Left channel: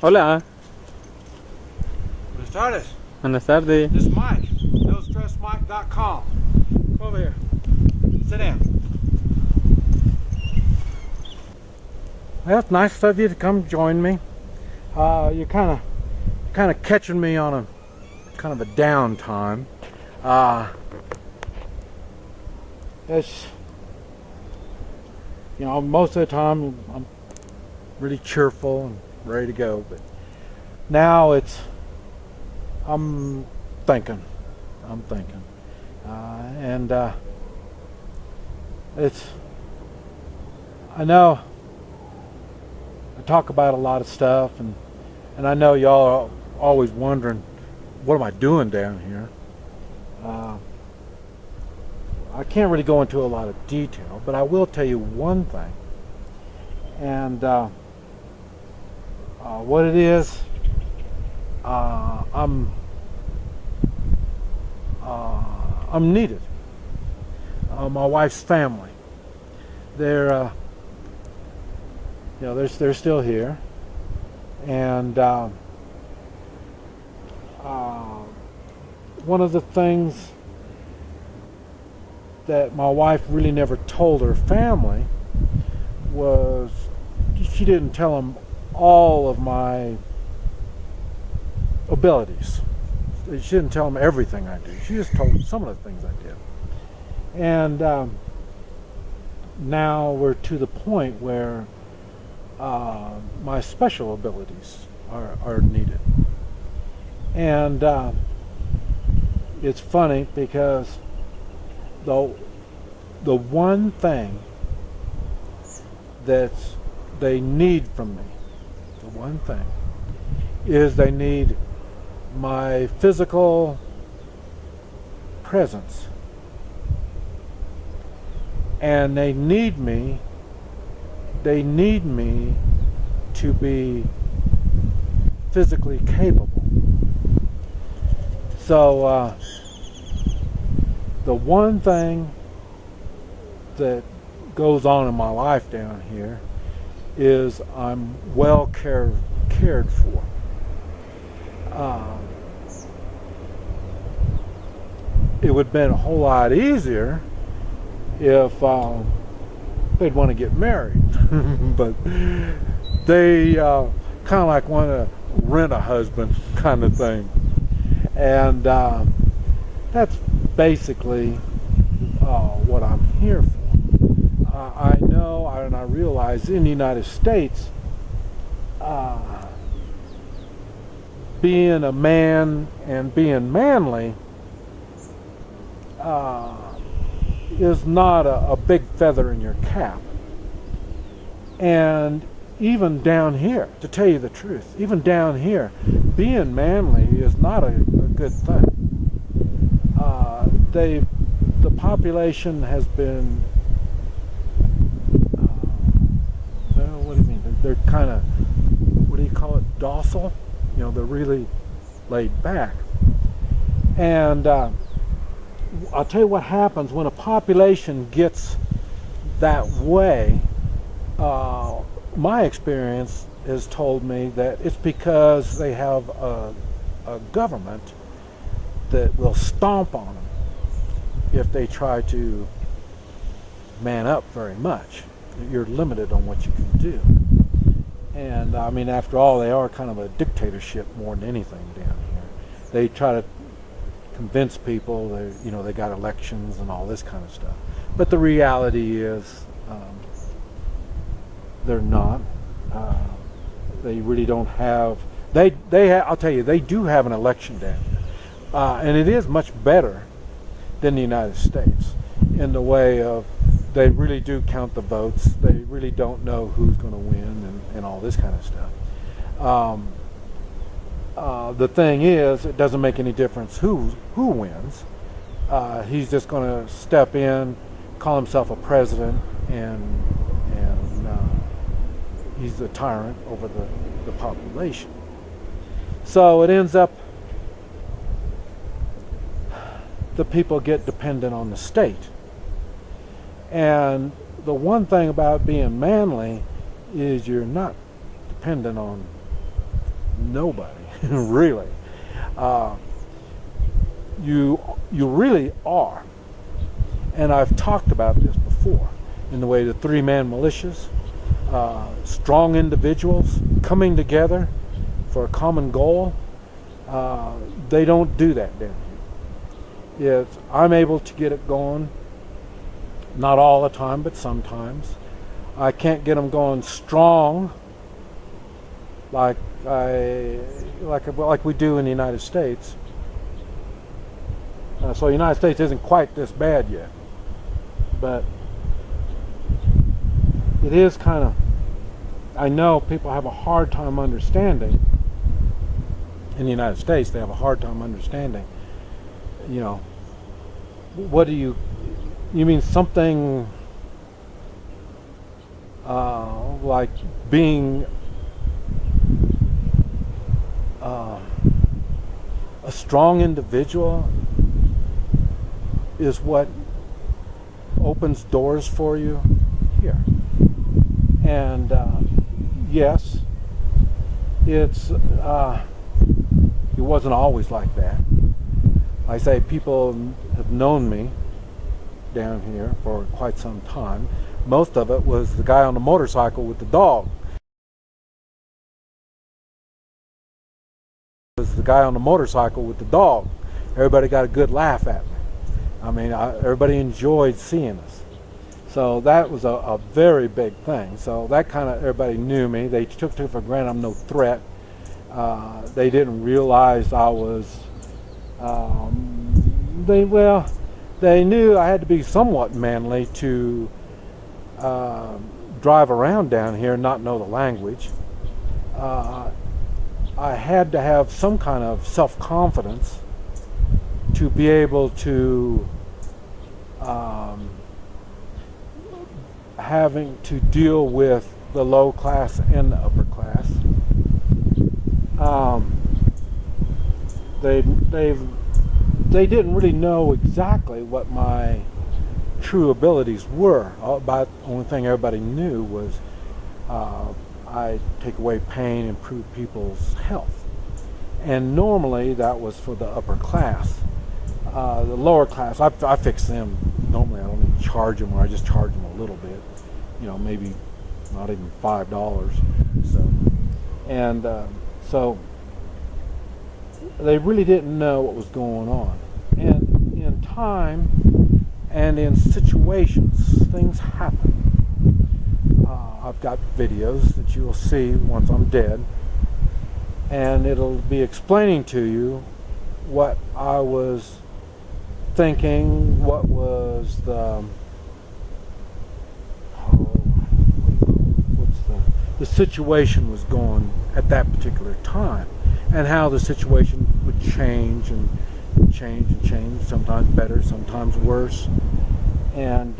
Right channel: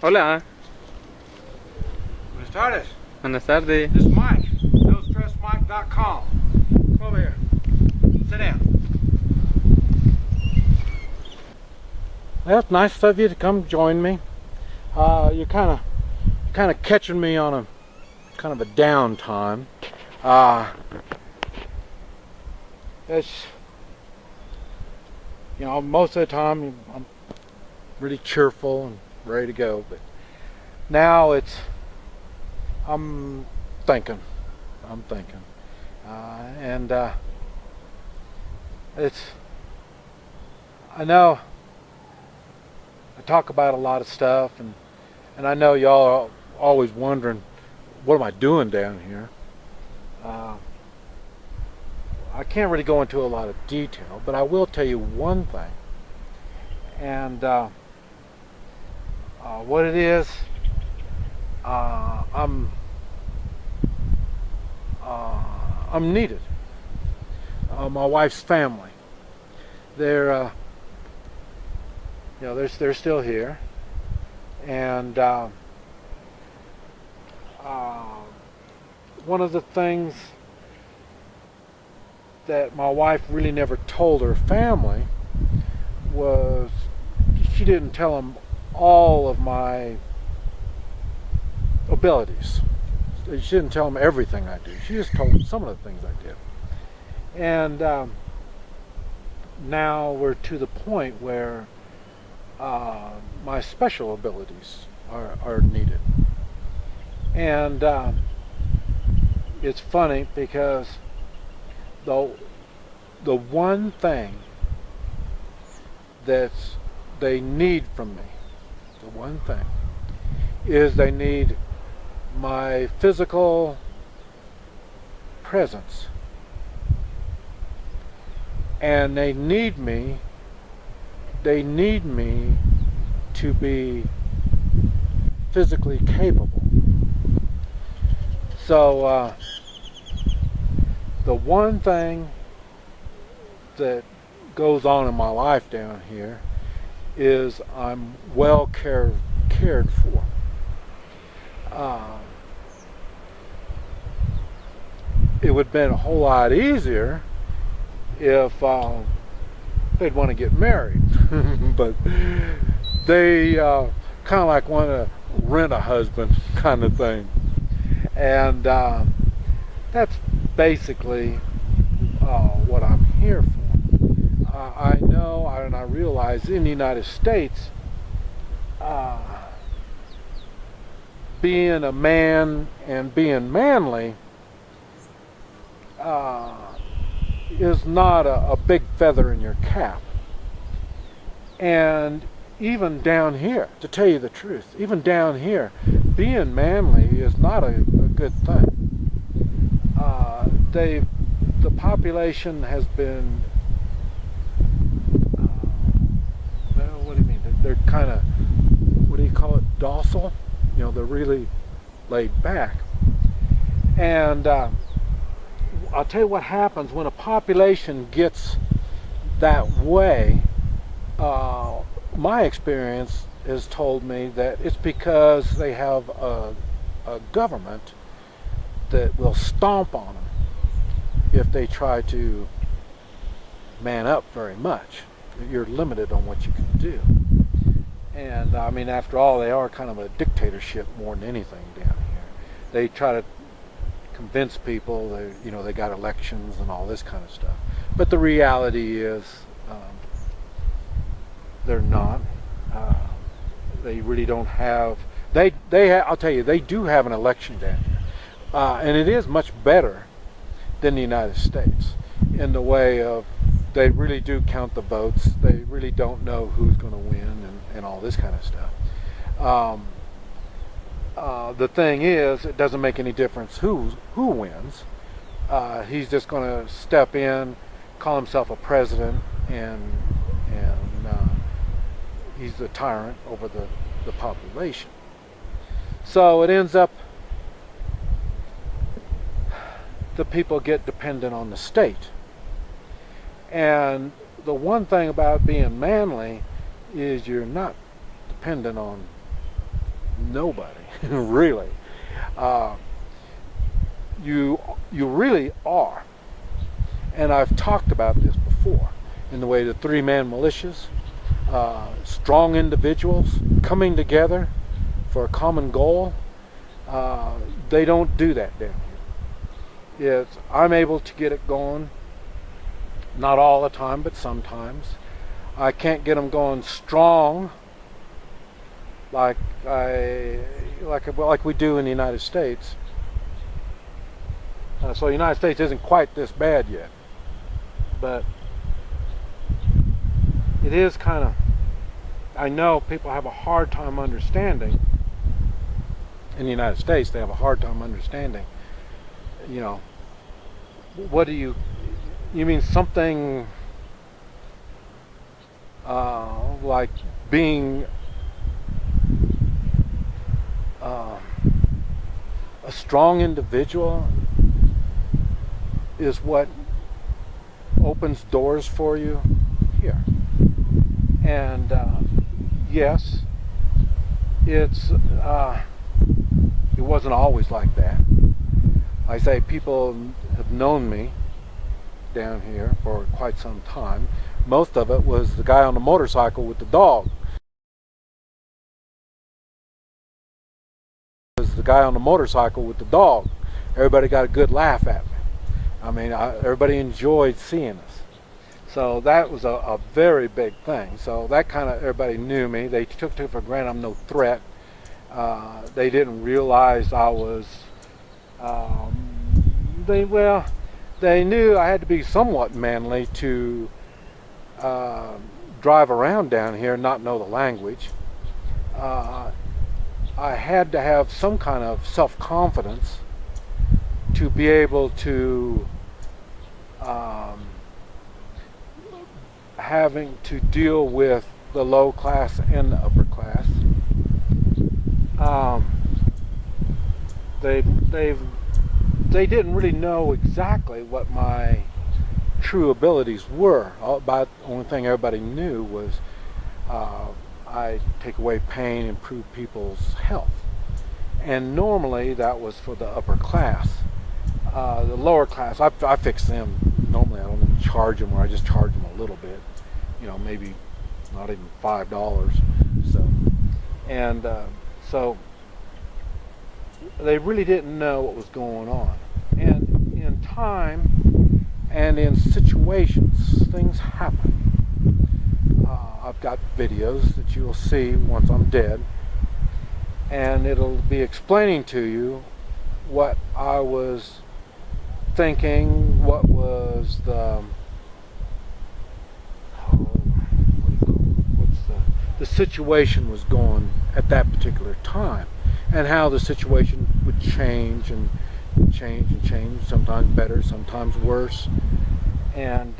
Hola, Buenas tardes. buenas tardes. This is Mike. NoStressMike.com. Come over here. Sit down. Well, it's nice of you to come join me. You're kind of catching me on a kind of a downtime. It's, you know, most of the time I'm really cheerful and ready to go, but now I'm thinking, and I know I talk about a lot of stuff, and I know y'all are always wondering, what am I doing down here? I can't really go into a lot of detail, but I will tell you one thing, and what it is. I'm needed. My wife's family, they're they're still here, and one of the things that my wife really never told her family was she didn't tell them all of my abilities. She didn't tell them everything I do. She just told them some of the things I did. And now we're to the point where my special abilities are needed. And it's funny because the one thing that they need from me, the one thing, is they need my physical presence. And they need me to be physically capable. So the one thing that goes on in my life down here is I'm well cared for. It would have been a whole lot easier if they'd want to get married, but they kind of like want to rent a husband kind of thing, and that's basically what I'm here for. I know and I realize in the United States, being a man and being manly is not a big feather in your cap. And even down here, to tell you the truth, even down here, being manly is not a good thing. The population has been, well, what do you mean? They're kind of, what do you call it, docile? You know, they're really laid back. And I'll tell you what happens when a population gets that way. My experience has told me that it's because they have a government that will stomp on them if they try to man up very much. You're limited on what you can do. And I mean, after all, they are kind of a dictatorship more than anything down here. They try to convince people they got elections and all this kind of stuff. But the reality is, they're not. They really don't have. I'll tell you, they do have an election down here, and it is much better than the United States in the way of they really do count the votes. They really don't know who's going to win and all this kind of stuff. The thing is, it doesn't make any difference who wins. He's just going to step in, call himself a president, and he's the tyrant over the population. So it ends up the people get dependent on the state. And the one thing about being manly is you're not dependent on nobody, really. You really are. And I've talked about this before in the way the three-man militias, strong individuals coming together for a common goal. They don't do that down here. I'm able to get it going, not all the time, but sometimes. I can't get them going strong like we do in the United States. So the United States isn't quite this bad yet, but it is kind of, I know people have a hard time understanding. In the United States, they have a hard time understanding, what do you mean something like being a strong individual is what opens doors for you here. And yes, it wasn't always like that. I say people have known me down here for quite some time. Most of it was the guy on the motorcycle with the dog. Everybody got a good laugh at me. I mean, everybody enjoyed seeing us. So that was a very big thing. So that kind of, everybody knew me. They took it for granted I'm no threat. They didn't realize I was, they knew I had to be somewhat manly to drive around down here and not know the language. I had to have some kind of self-confidence to be able to having to deal with the low class and the upper class. They didn't really know exactly what my true abilities were. About the only thing everybody knew was I take away pain, improve people's health, and normally that was for the upper class. The lower class, I fix them. Normally I don't even charge them, or I just charge them a little bit, maybe not even $5. So they really didn't know what was going on. And in time and in situations, things happen. I've got videos that you'll see once I'm dead, and it'll be explaining to you what I was thinking, what was the situation was going at that particular time, and how the situation would change and change and change, sometimes better, sometimes worse. And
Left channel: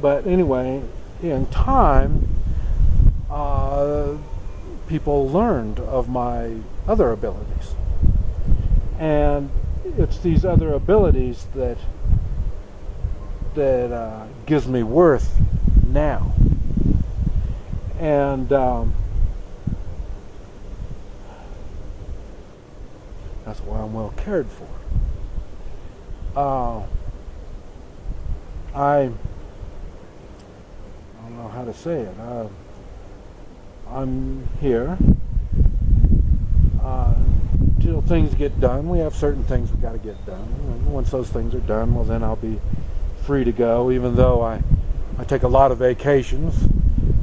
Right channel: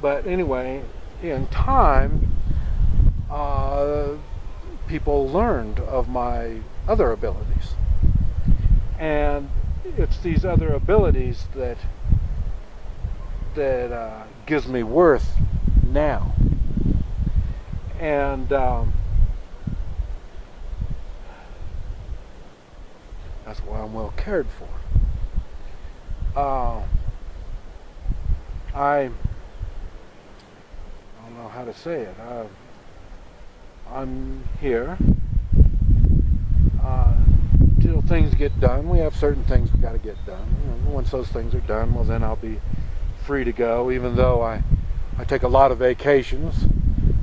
but anyway, in time, people learned of my other abilities, and it's these other abilities that gives me worth now. And that's why I'm well cared for. I don't know how to say it. I'm here till things get done. We have certain things we've got to get done. Once those things are done, well, then I'll be free to go, even though I take a lot of vacations.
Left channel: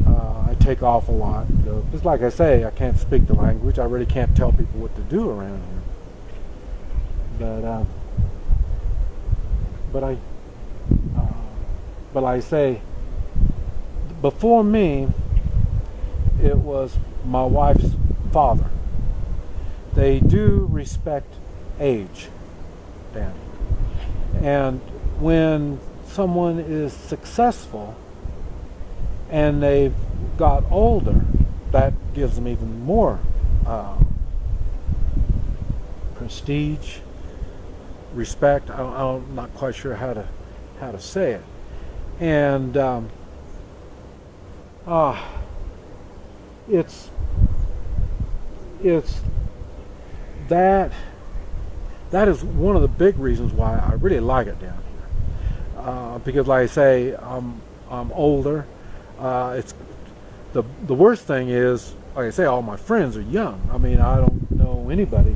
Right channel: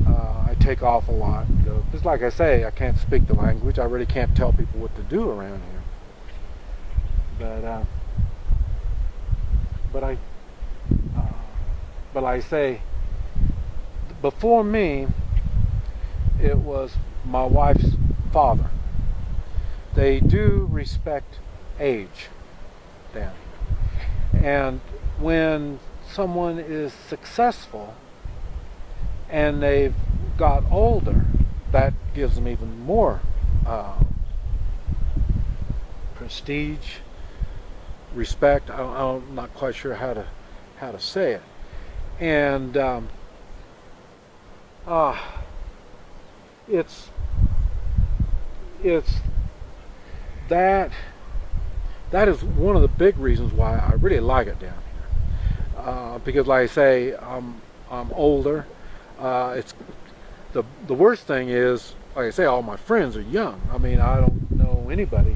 I take off a lot. Because like I say, I can't speak the language. I really can't tell people what to do around here. But I say, before me, it was my wife's father. They do respect age down here. And when someone is successful and they've got older, that gives them even more prestige, respect. I'm not quite sure how to say it. And it's that is one of the big reasons why I really like it down here. Because, like I say, I'm older. It's the worst thing is, like I say, all my friends are young. I mean, I don't know anybody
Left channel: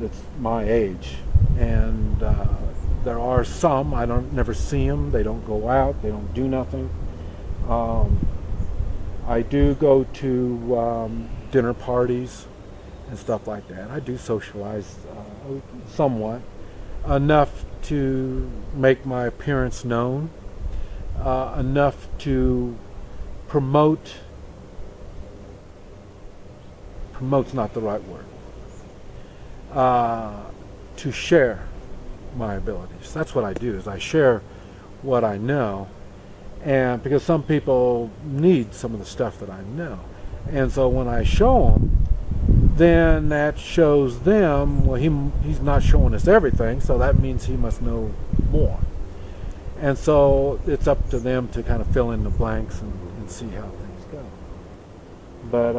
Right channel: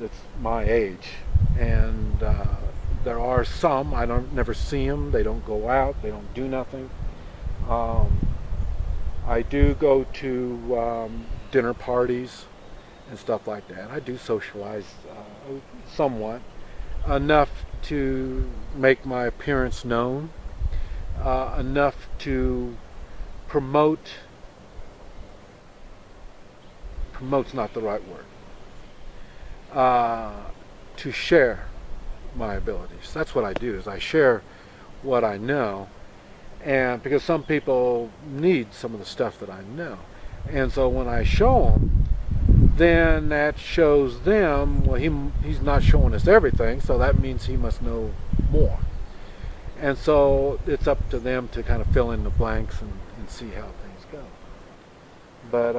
that's my age, and there are some I don't never see them. They don't go out. They don't do nothing. I do go to dinner parties and stuff like that. I do socialize somewhat, enough to make my appearance known, enough to promote's not the right word, to share my abilities. That's what I do, is I share what I know, and because some people need some of the stuff that I know, and so when I show them, then that shows them, well, he's not showing us everything, so that means he must know more. And so it's up to them to kind of fill in the blanks and see how things go. But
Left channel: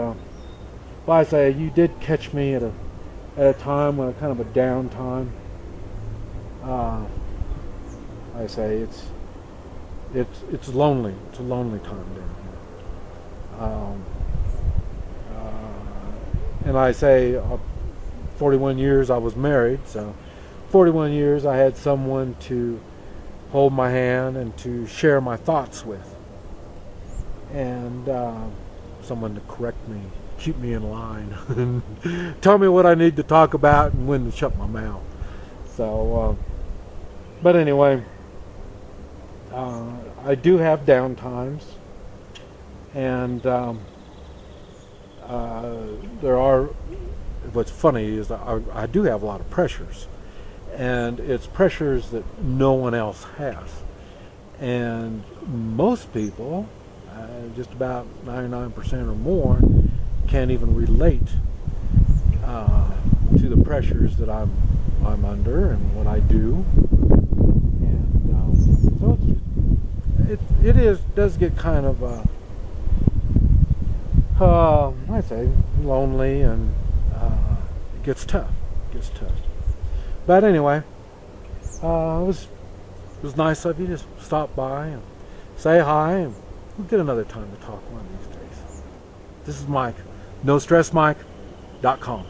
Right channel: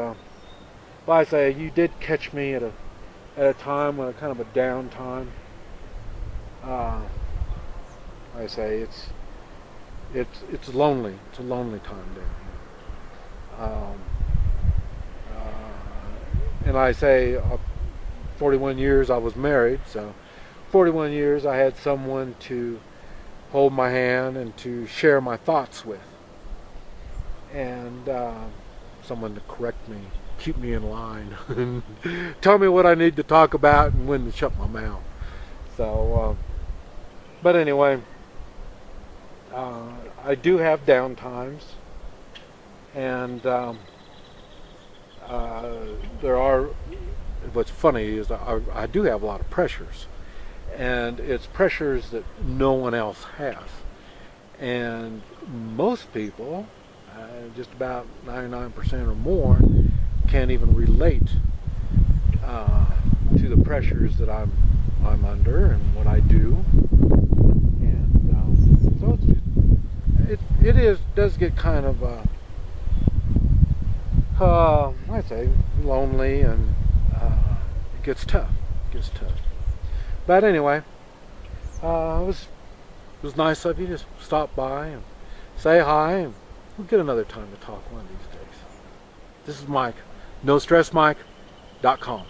like I say, you did catch me at a time when kind of a down time. Like I say, it's lonely. It's a lonely time down here. And I say, 41 years I was married, so 41 years I had someone to hold my hand and to share my thoughts with, and someone to correct me, keep me in line, and tell me what I need to talk about and when to shut my mouth. So, but anyway, I do have down times, and there are, what's funny is I do have a lot of pressures, and it's pressures that no one else has, and most people, just about 99% or more, can't even relate to the pressures that I'm under and what I do, and so it does get kind of I say lonely, and it gets tough. But anyway, it was nice of you to stop by and say hi, and we'll get another time to talk one of these days. This is Mike, NoStressMike.com.